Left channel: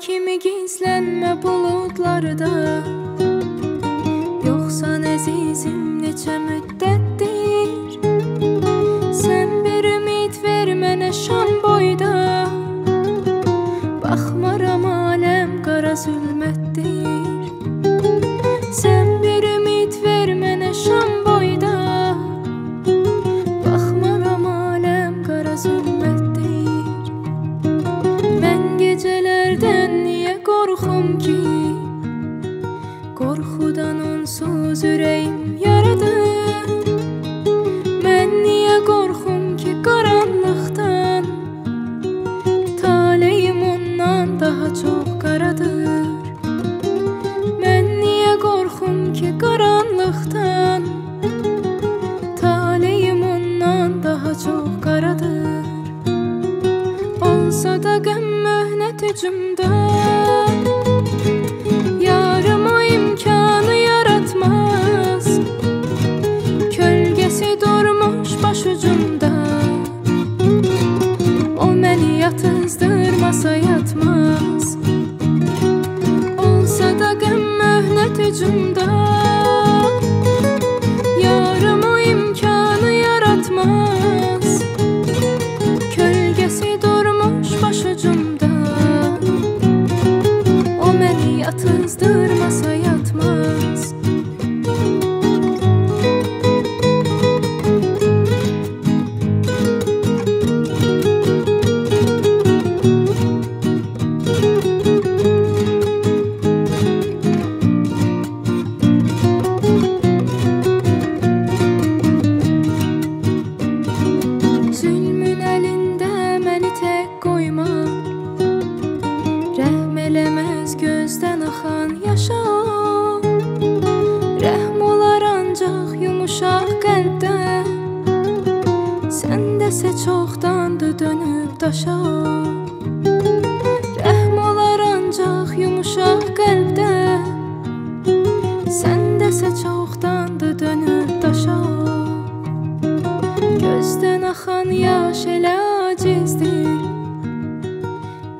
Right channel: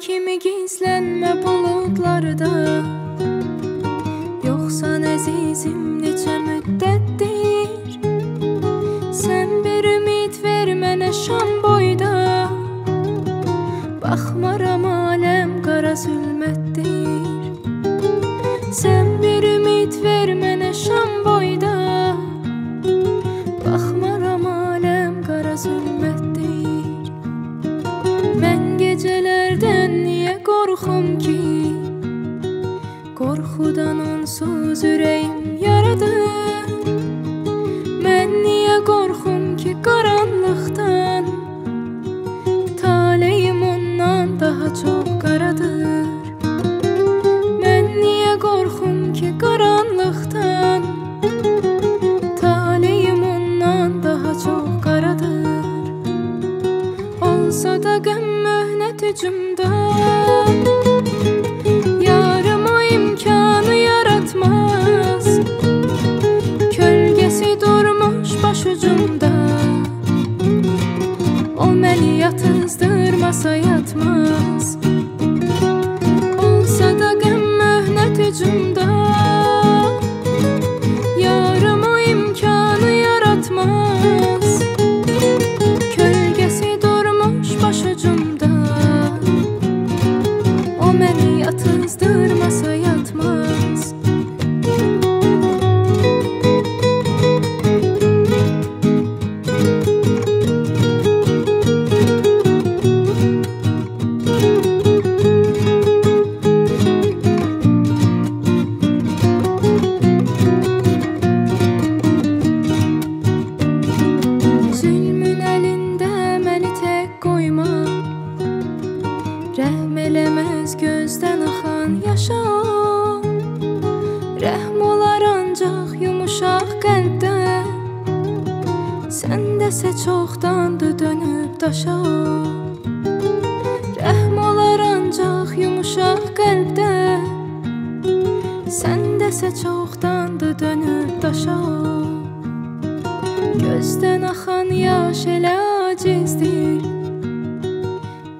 kimi gizlənmə buludlarda. Yoxsan əzizim neçə müddətdir, sən bir ümid ver mənə şam boyda. Baxmaram aləm qara zülmətdir, sən bir ümid ver mənə şam boyda. Baxmaram aləm qara zülmətdir. Mən gecələrdən niyə qorxum ki, qorxudan onsuz ürəyim yaradır. Mən niyə qorxum ki qaranlıqdan, taleyim ondan daha çox qaradır. Mən niyə qorxum ki qaranlıqdan, taleyim ondan daha çox qaradır. Olsa da qəm möhnət hücumda, yarım o imkanı yaratmaz. Kölgəsi durmuş başucumda, o məni yatızdırmasa yatmaz. Olsa da qəm möhnət hücumda, yarım o imkanı yaratmaz. Kölgəsi durmuş başucumda, o məni yatızdırmasa yatmaz. Zülmün əlində məni tək qoyma, rəhm eləməz gözdən axan yaşa. Rəhm olar ancaq yumuşaq qəlbdən, səndəsə çoxdandır dönüb daşa. Rəhm olar ancaq yumuşaq qəlbdən, səndəsə çoxdandır dönüb daşa. Gözdən axan yaş elə acizdir,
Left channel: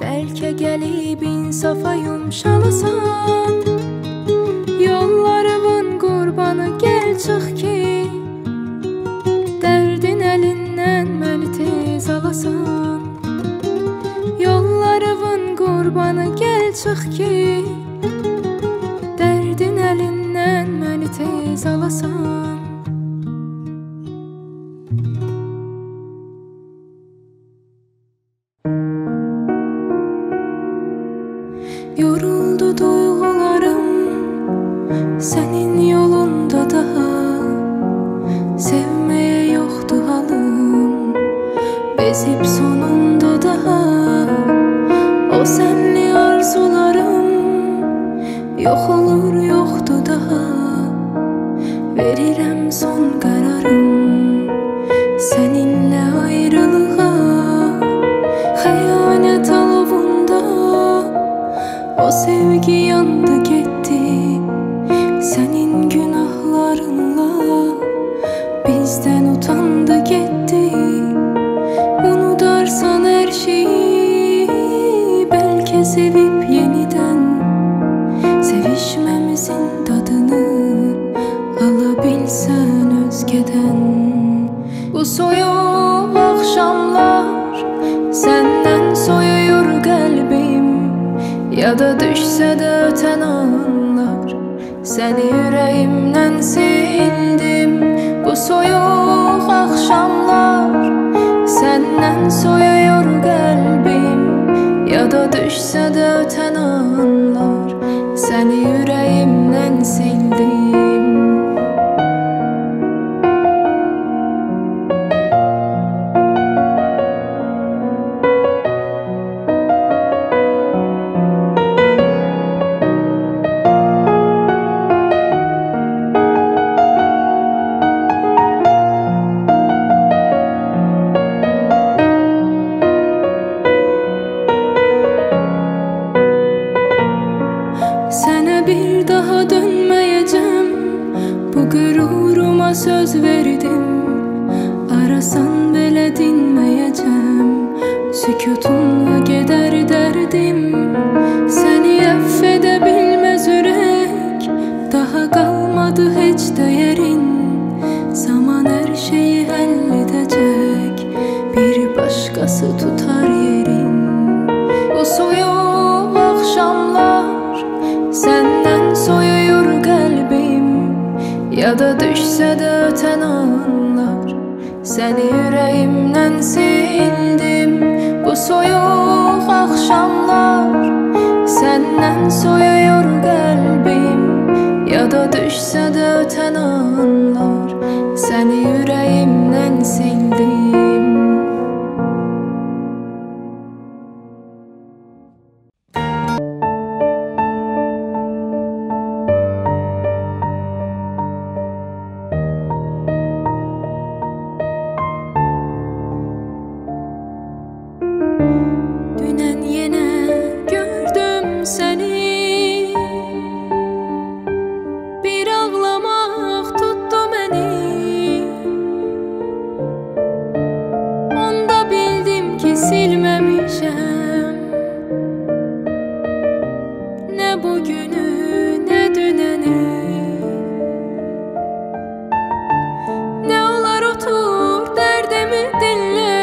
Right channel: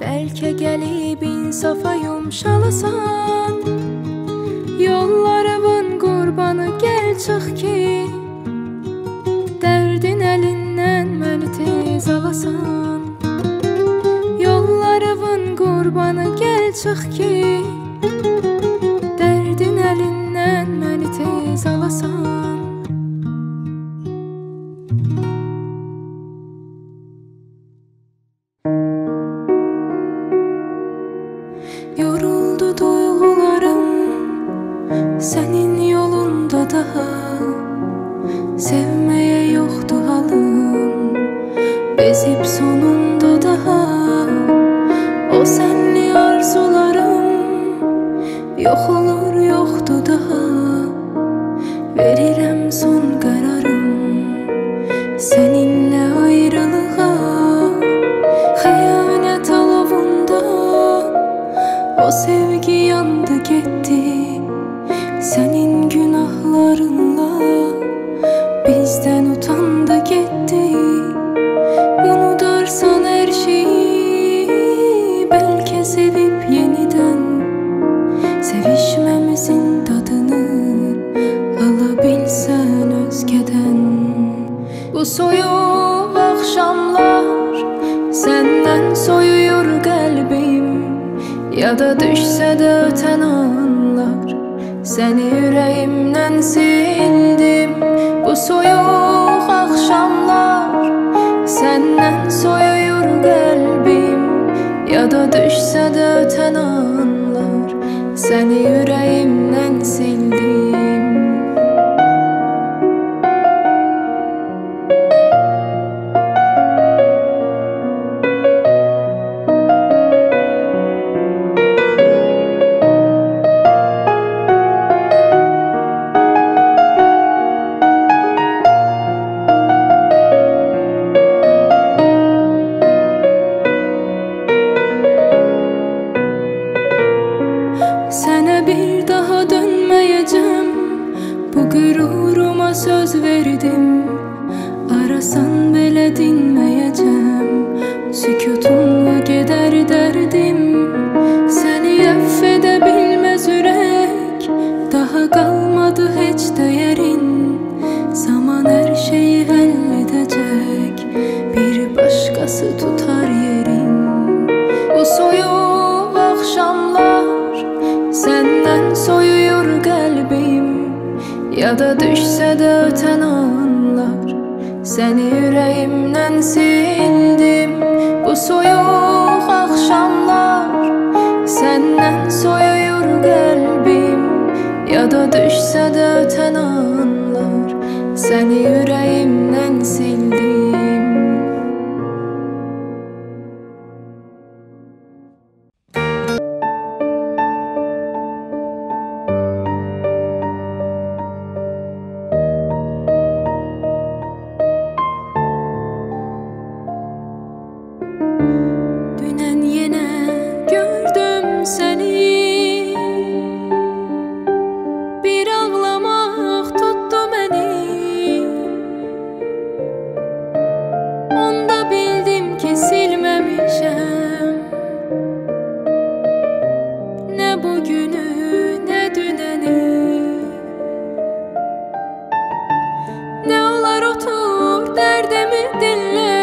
bəlkə gəlib insafa yumşalasan. Yollarımın qurbanı gəl çıx ki, dərdin əlindən məni tez alasan. Yollarımın qurbanı gəl çıx ki, dərdin əlindən məni tez alasan. Yoruldu duyğularım sənin yolunda daha, sevməyə yoxdur halım, bezib sonunda daha. O sənli arzularım yox olur yoxdur daha, verirəm son qərarım səninlə ayrılığa. Xəyanət alovunda o sevgi yandı getdi, sənin günahlarınla bizdən utandı getdi. Unudarsan hər şeyi, bəlkə sevib yenidən sevişməmizin dadını ala bilsən özgədən. Bu soyuq axşamlar səndən soyuyur qəlbim, ya da düşsə də ötən anlar səni ürəyimdən sildim. Bu soyuq axşamlar səndən soyuyur qəlbim, ya da düşsə də ötən anlar səni ürəyimdən sildim. Sənə bir daha dönməyəcəm, bu qüruruma söz verdim. Arasan belə dinməyəcəm, Sükutunla gedər dərdim, səni əff edə bilməz ürək. Daha qalmadı heç dəyərin, zaman hər şeyi həll edəcək. Bir başqası tutar yerin. Bu soyuq axşamlar səndən soyuyur qəlbim. Yada düşsə də ötən anlar, səni ürəyimdən sildim. Bu soyuq axşamlar səndən soyuyur qəlbim. Yada düşsə də ötən anlar, səni ürəyimdən sildim. Dünən yenə gördüm səni, bir ağlamaq tutdu məni. Onda bildim ki silməmişəm nə bugünü, nə dünəni. Nə olar otur dərdimi dinlə,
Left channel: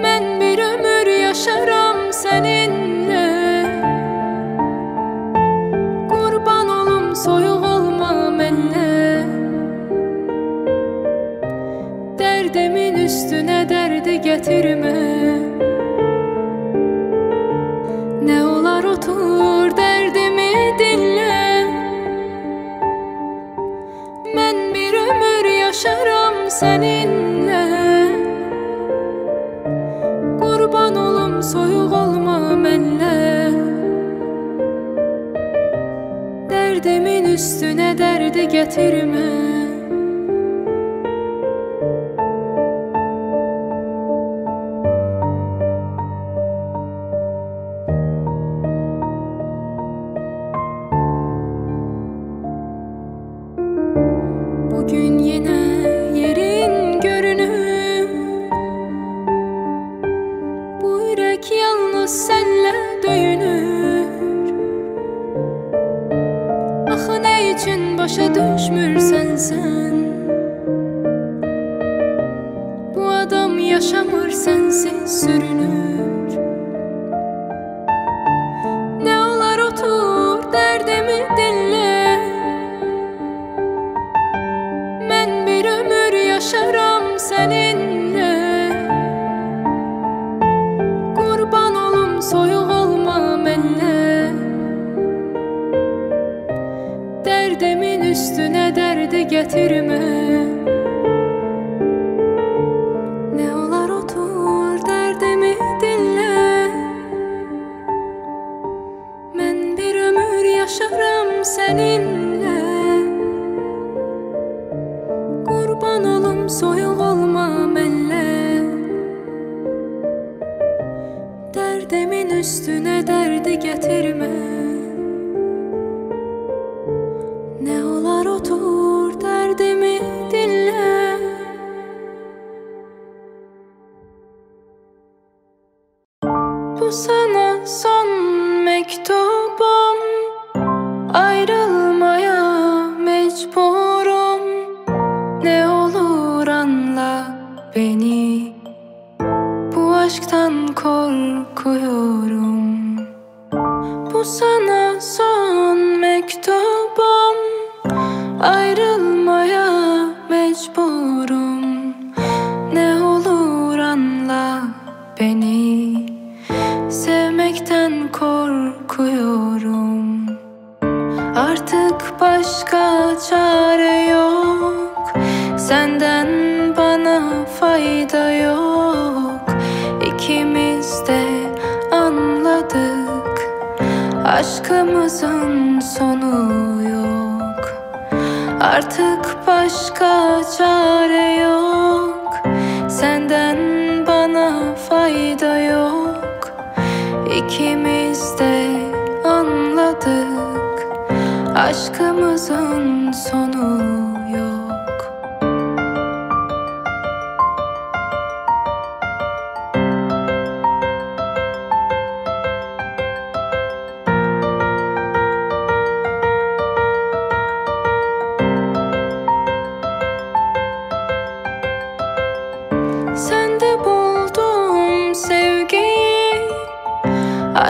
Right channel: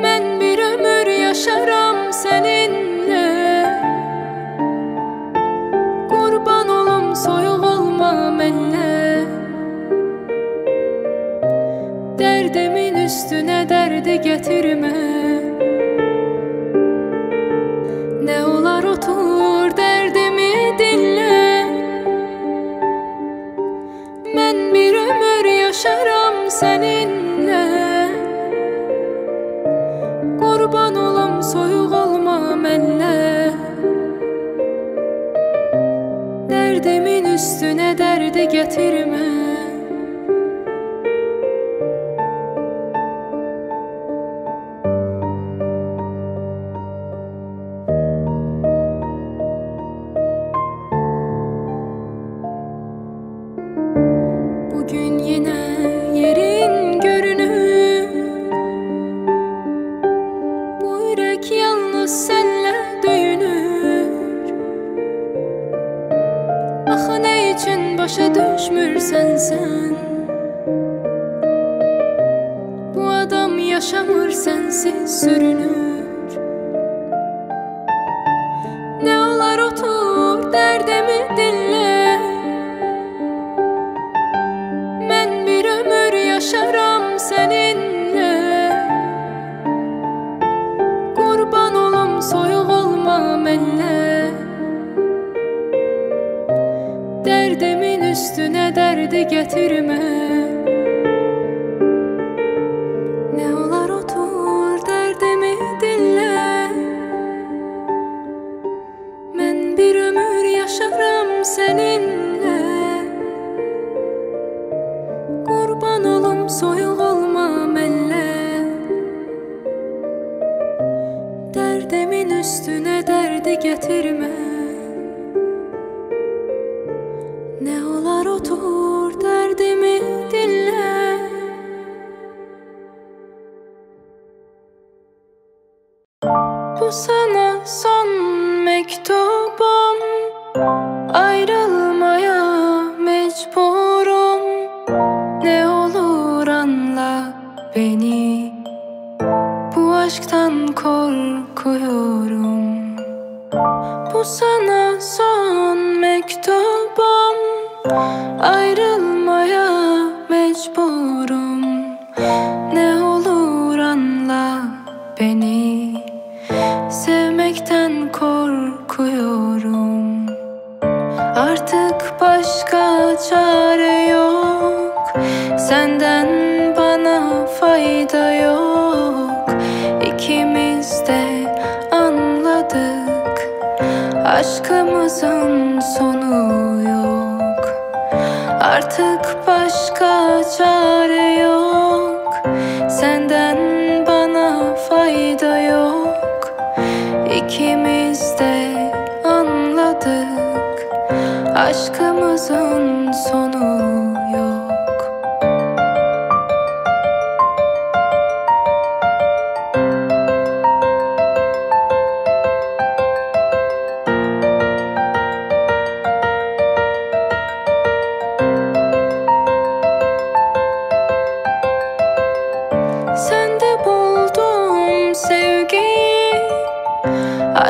mən bir ömür yaşaram səninlə. Qurban olum soyuq olma mənlə, dərdimin üstünə dərdi gətirmə. Nə olar otur dərdimi dinlə, mən bir ömür yaşaram səninlə. Qurban olum soyuq olma mənlə, dərdimin üstünə dərdi gətirmə. Bugün yenə yerin görünür, bu ürək yalnız sənlə döyünür. Axı nə üçün başa düşmürsən sən? Bu adam yaşamır sənsiz sürünür. Nə olar otur dərdimi dinlə, mən bir ömür yaşaram səninlə. Qurban olum soyuq olma mənlə, dərdimin üstünə dərdi gətirmə. Nə olar otur dərdimi dinlə, mən bir ömür yaşaram səninlə. Qurban olum soyuq olma mənlə, dərdimin üstünə dərdi gətirmə. Nə olar otur dərdimi dinlə. Bu sana son məktubum, ayrılmaya mecburum. Ne olur anla beni, bu aşktan korkuyorum. Bu sana son mektubum, ayrılmaya mecburum. Ne olur anla beni, sevmekten korkuyorum. Artık başka çare yok, senden bana fayda yok. İkimiz de anladık, aşkımızın sonu yok. Artık başka çare yok, senden bana fayda yok. İkimiz de anladık, aşkımızın sonu yok. Aşkımızın sonu yok.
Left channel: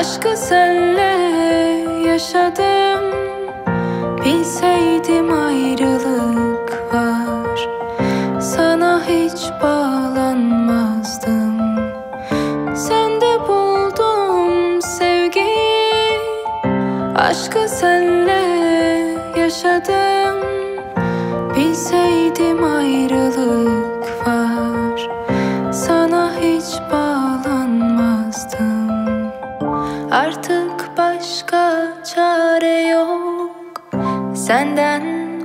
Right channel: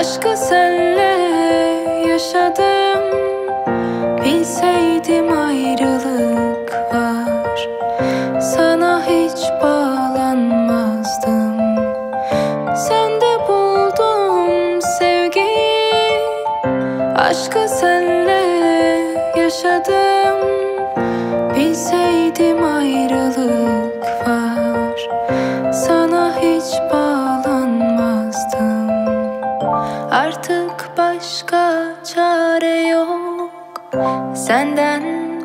Aşkı senle yaşadım, bilseydim ayrılık var, sana hiç bağlanmazdım. Sende buldum sevgiyi, aşkı senle yaşadım, bilseydim ayrılık var, sana hiç bağlanmazdım. Artık başka çare yok, senden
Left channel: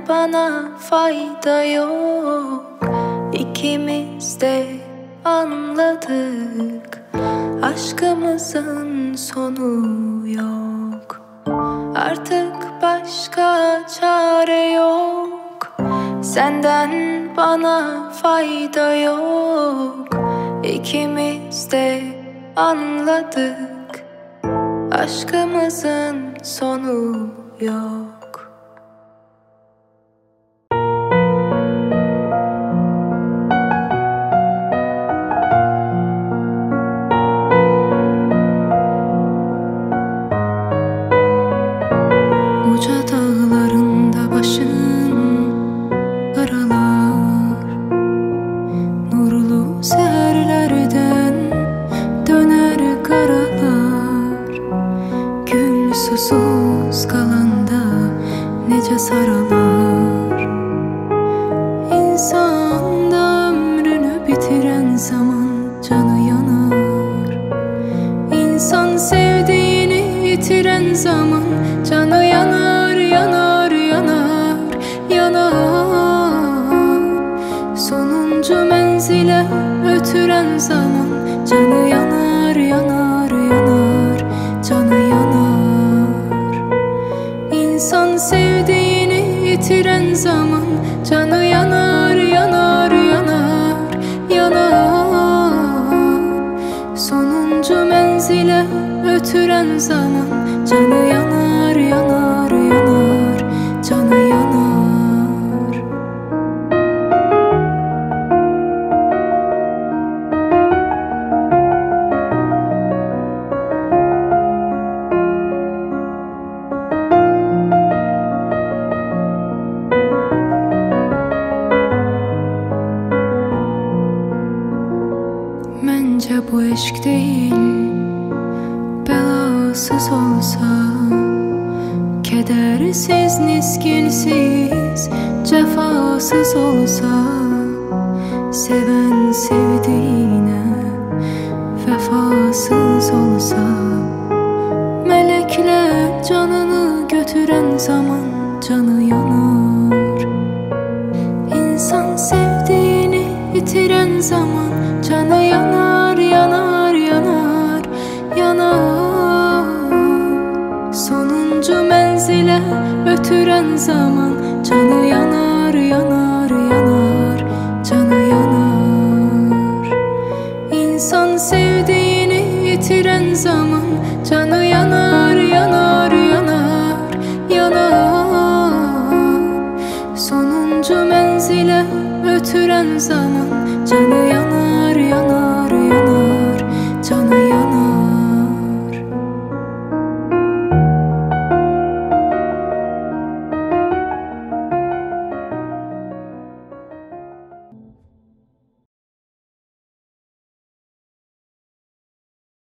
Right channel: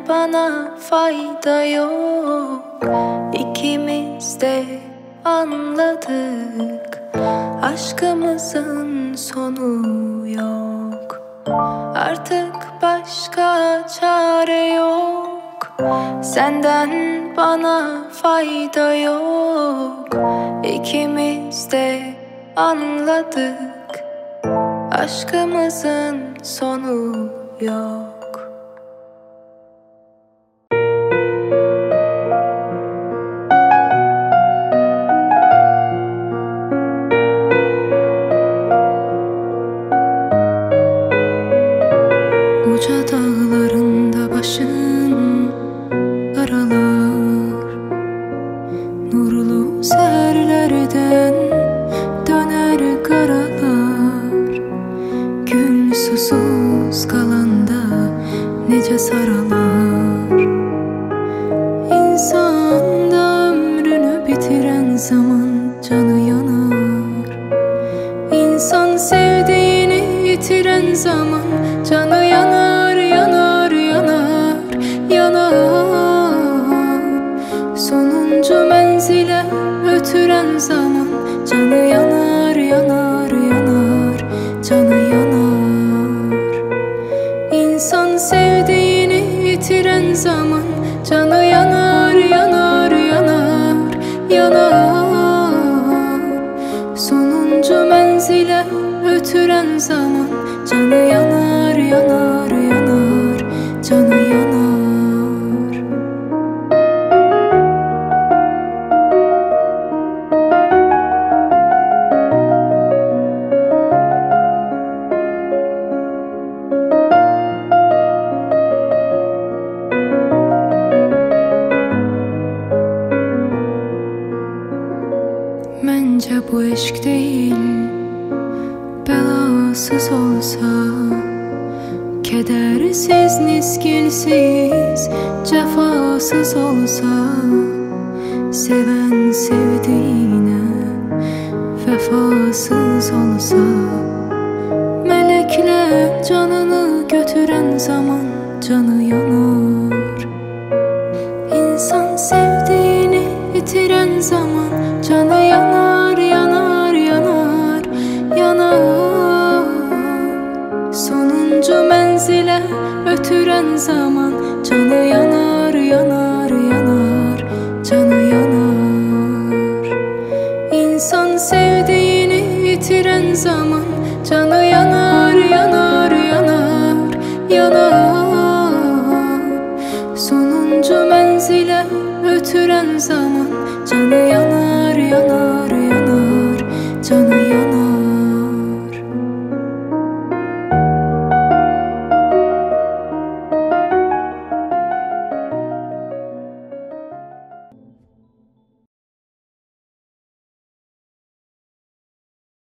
bana fayda yok. İkimiz de anladık, aşkımızın sonu yok. Artık başka çare yok, senden bana fayda yok. İkimiz de anladık, aşkımızın sonu yok. Uca dağlarında başın karalar, nurlu seherlerden döner karalar. Gül susuz kalanda nece saralar. İnsan da ömrünü bitiren zaman canı yanar. İnsan sevdiğini yitiren zaman canı yanar, yanar, yanar, yanar. Sonuncu menzile ötüren zaman canı yanar, yanar, yanar, canı yanar. İnsan sevdiğini yitiren zaman canı yanar, yanar, yanar, yanar. Sonuncu menzile ötüren zaman canı yanar, yanar, yanar, canı yanar. Bence bu eşk değil, belasız olsa, kedersiz, niskinsiz, cefasız olsa, seven sevdiğine vefasız olsa, melekler canını götüren zaman canı yanar. İnsan sevdiğini yitiren zaman canı yanar, yanar, yanar, yanar. Sonuncu menzile ötüren zaman canı yanar, yanar, yanar, canı yanar. İnsan sevdiğini yitiren zaman canı yanar, yanar, yanar, yanar. Sonuncu menzile ötüren zaman canı yanar, yanar, yanar.